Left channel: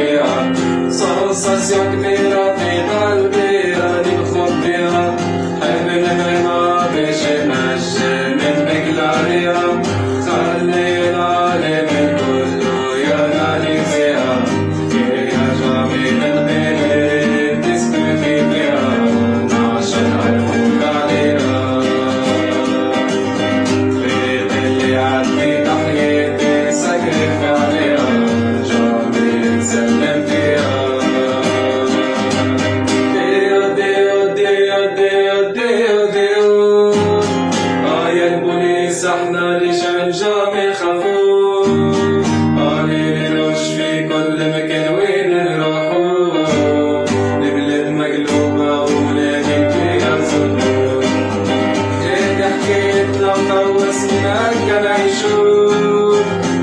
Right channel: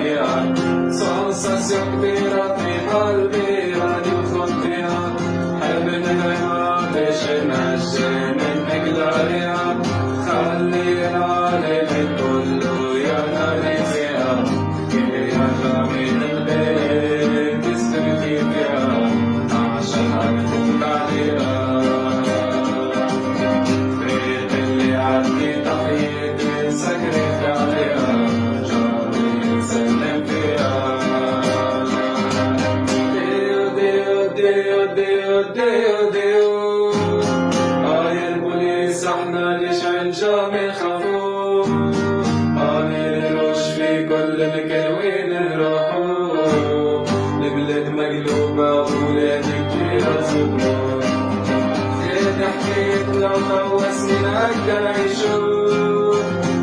عليها سنساسيون كبيرة في قلبي راني مخبيها حامل همة باش نهجم نبقى عليها خلينا لي من كله يا ناني فيها يرجع من البيت تسكتي فيها عشان أفوت عليها بيت اللي عدي تحياتي سكرف عليها جنبي نسلم فيها ديو ديو ديو ديو ديو ديو يا البوليس احنا رجال جامع خافو نلوش في كل مكان وين نروحو البلاد مقلوبة وولادي فيها تزورو هادي حكايتنا واسمنا كنعيشو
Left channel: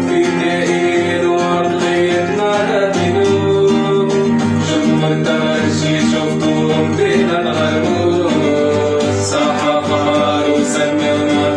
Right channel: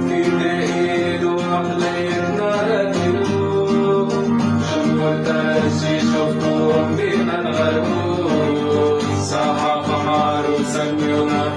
في دقيق وعقليتنا نبنو جمهور تماشي شفتوهم فينا نغلبو صحا قمر وسمونا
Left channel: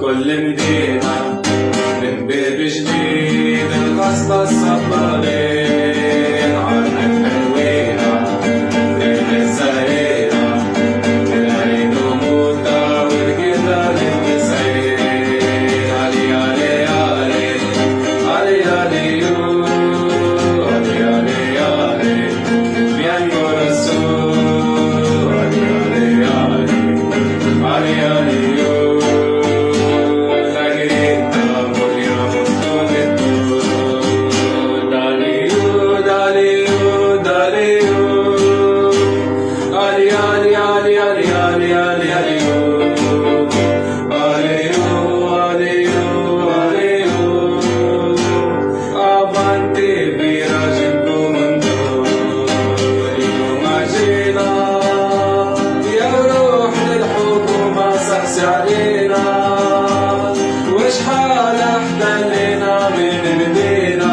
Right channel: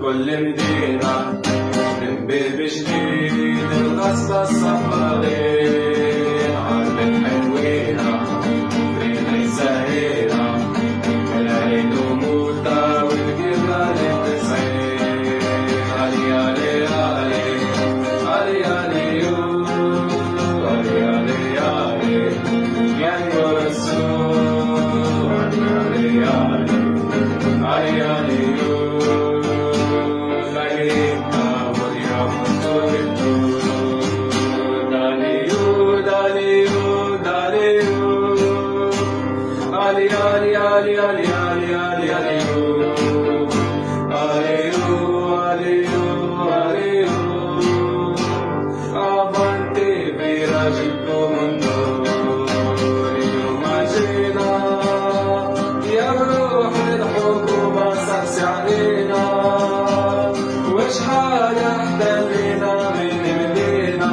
كل مدينة من باب جديد الغصبة الصبارين عرب الحلوينة باب الزهيرة العيد وموتة والجبال التسعين علي علي علي علي علي علي علي علي بيانكو رسول علي علي علي علي علينا وشحال احتلينا من بدينا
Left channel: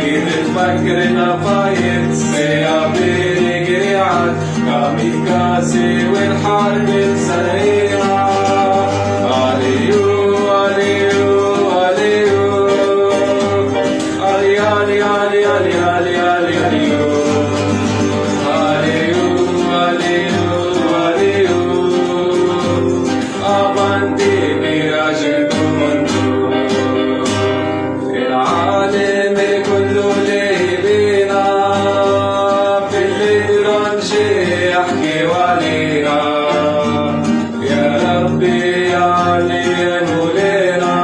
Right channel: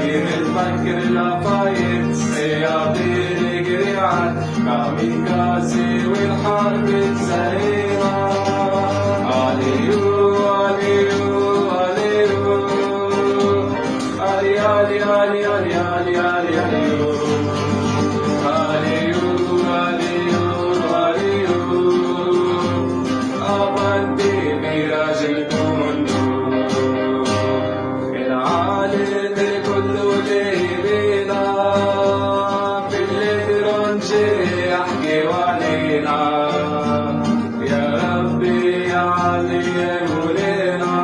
كيف تفكرنا فايت السيابي قاعد كاميكازي والحرب سريعة عليو عليو عليو علي علي علي علي علي علي عليو العالم كله لينا في الليل رنجي يحكي علينا يا ربي علينا ولينا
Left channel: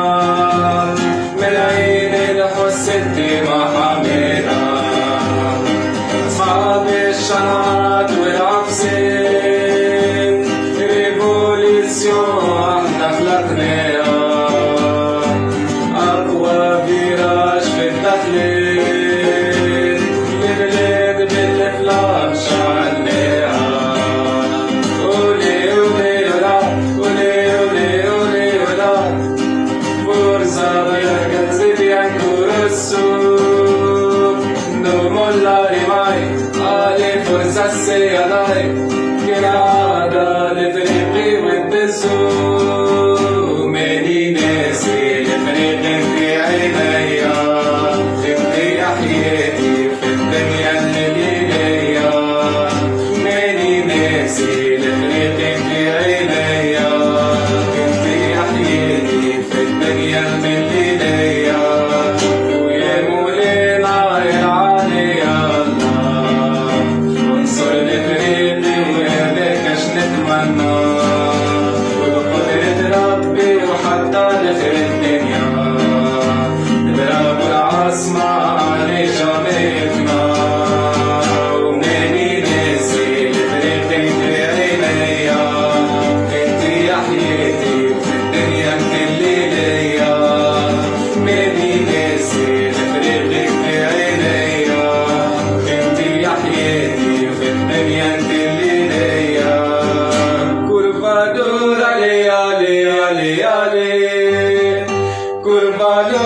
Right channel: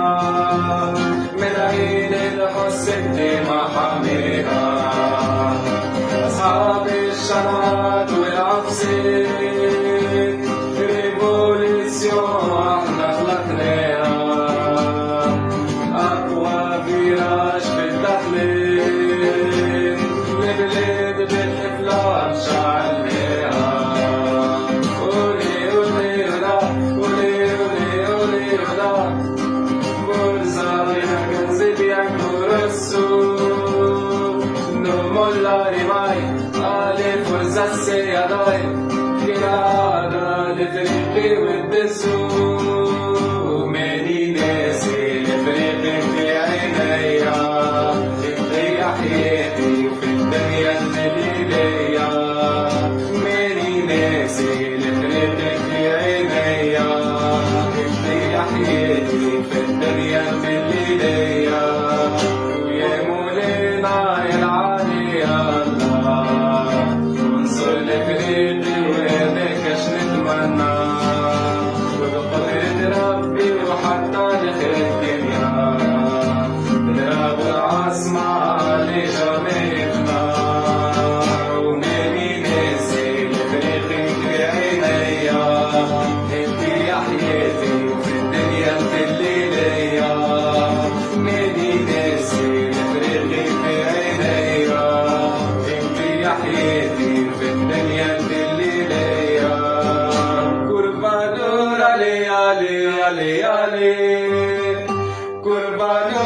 من عين الحسد ما حمينا أصحاب الشرعات والعفسين ريفوليسيون احنا خلقناها أقوى فيراج في التحليل البلاد بالفلان شعلناها قولي قولي ولا قولي قولي قولي ولا فرصة بيا كنزي بيانكو رسو نوم الله رماي علي فرصة السياداي كنادة لفريقي والدسو مني ناس انت اللي ليا ويا مولانا يلعني يا الله وانصر لفريقي ويهديك اش نتمنى وبقدرة ربي وحتى نخر الدنيا نضرب العاصمة علي شميتنا ومني ناسي لفريقي في عينيا انت يا حياتي وفي الدنيا انت اللي ليا مني ناسي لفريقي في عينيا انت يا حياتي وفي الدنيا انت اللي ليا كربادور علي علي علي علي كربادور